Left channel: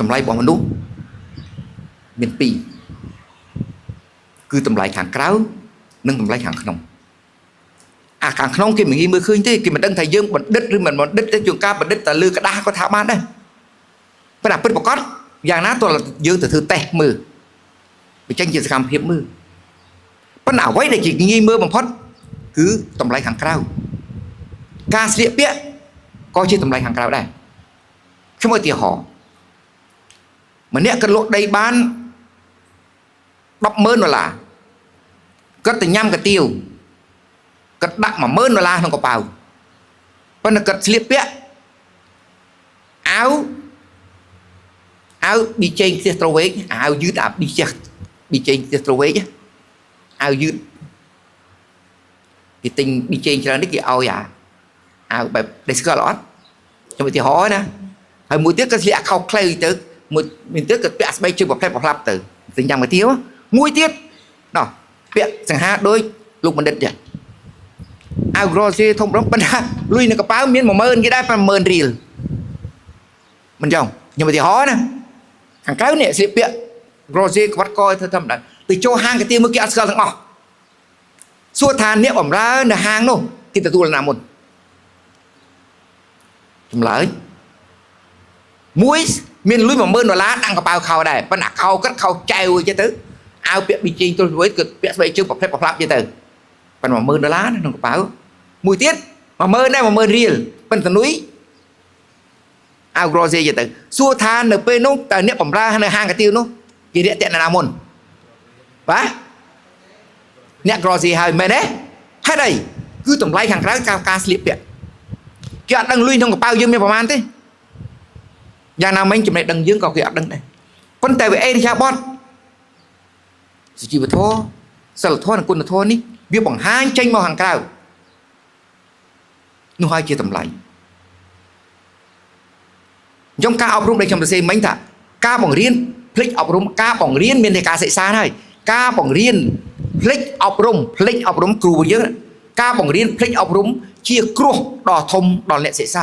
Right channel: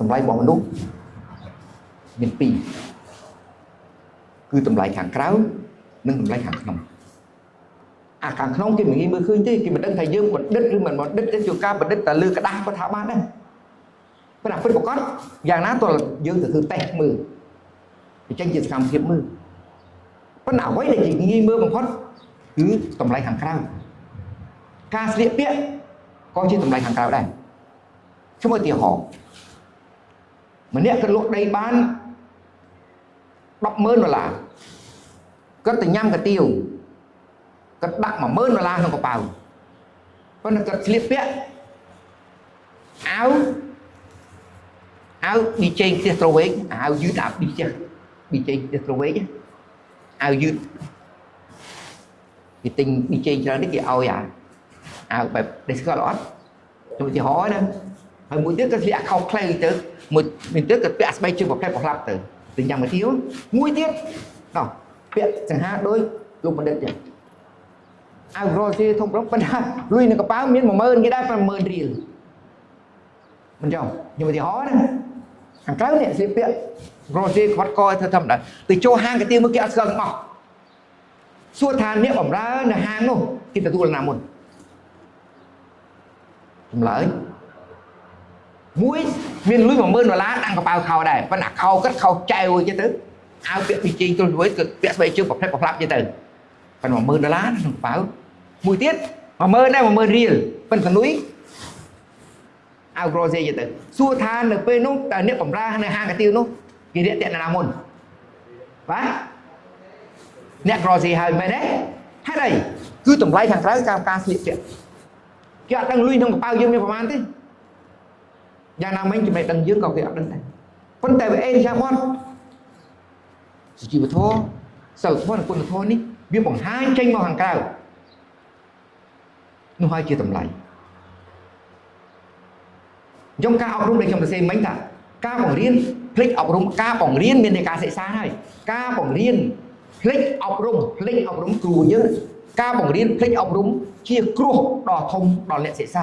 តម្លៃរបស់មនុស្សមានពីរគឺតម្លៃខាងក្រៅនិងតម្លៃខាងក្នុងអាខាងក្នុងគេមិនងាយមើលឃើញទេគេមិនដឹងថាយើងបណ្ឌិតឬមិនបណ្ឌិតទេជួនកាលបណ្ឌិតតែលើក្តារក៏ថាបានដែរប៉ុន្តែពិតប្រាកដយ៉ាងណាទោះយើងទៅធ្វើតេស្តមើលបញ្ចេញជាសកម្មភាពមើលប៉ុន្តែអ្វីដែលជាងាយមើលបំផុតគឺតម្លៃខាងក្រៅការស្លៀកពាក់ក៏ជាតម្លៃខាងក្រៅដែរខ្ញុំឧទាហរណ៍ម្នាក់គាត់លក់ដីបាន$10,000គាត់ទៅញ៉ាំកាទៀវគាត់ដាក់$10,000ក្នុងកប៉ៅប៉ុន្តែគាត់ស្លៀកពាក់អាវប៊ីចេងផ្ទះត្រវេកអាវយឺតប៊ីចេងផ្ទះត្រវេកអាវយឺតគេទិញប៊ីចេងច្រើននេះគេឲ្យអាវបែបដេស្កលអត់ខ្ញុំឧទាហរណ៍ណាហើយមួយទៀតក៏ស្លៀកអាខោខ្លីទៅមួយទៀតក៏ពាក់ស្បែកជើងប្រភេទប្រឡាប់ទៅទិញញ៉ាំកាទៀវមួយទៀតណោះពាក់សង្ហាដូចលោកបណ្ឌិតចាអាវក្រស៊ីធំរំប៉ុន្តែលុយនៅកប៉ៅមាន$10,000គេដែរ$10,000រៀលមិនចឹងខ្ញុំឧទាហរណ៍ណាខាងក្រៅនេះស្លៀកពាក់ក្រស៊ីក្បាត់កធ្វើធម្មតាទៅចូលហាងកាទៀវមើលគេអត់ស្គាល់ទាំងអស់សួរថាអ្នកបម្រើនៅហាងនោះគេទទួលណាមុនចម្លើយមួយមានលុយ$10,000ដាក់កប៉ៅខោដែរប៉ុន្តែខោគាត់ខោចែវអញ្ចឹងទៅអាវពាក់ប៊ីចេងទល់រួយគាត់ពាក់ស្បែកជើងប្រភេទប្រឡាប់អញ្ចឹងទៅប៉ុន្តែ$10,000ក្នុងកប៉ៅមួយទៀត$10,000ដែរ$10,000រៀលប៉ុន្តែលុយអាវក្រស៊ីអញ្ចឹងទៅសួរថានៅពេលនោះតើអ្នកបម្រើនៅហាងកាទៀវនោះគេរាក់ទាក់ណាមុនបាទអ្នកក្រស៊ីហើយមែនទេហេតុអីគឺតម្លៃខាងក្រៅការស្លៀកពាក់គេអត់ដឹងលុយក្នុងកប៉ៅយើងមានប្រមាណទេយ៉ាងណាមិញចំណេះដឹងយើងក៏គេអត់ដឹងដែរប៉ុន្តែវាអេរិយាបថសុជីវធម៌សិលធម៌និងគុណធម៌នេះវាបង្ហាញចេញមកខាងក្រៅនោះហើយជាតម្លៃអញ្ចឹងការអប់រំដែលខ្ញុំសរសេរមិញថាការបង្រៀនផ្លេចអប់រំការបង្រៀនមានតែការសិក្សាហើយការបង្រៀនផ្លេចអប់រំគ្រូយើងការបង្រៀនផ្លេចអប់រំជាគ្រោះដ៏ធំដល់អ្នកសិក្សា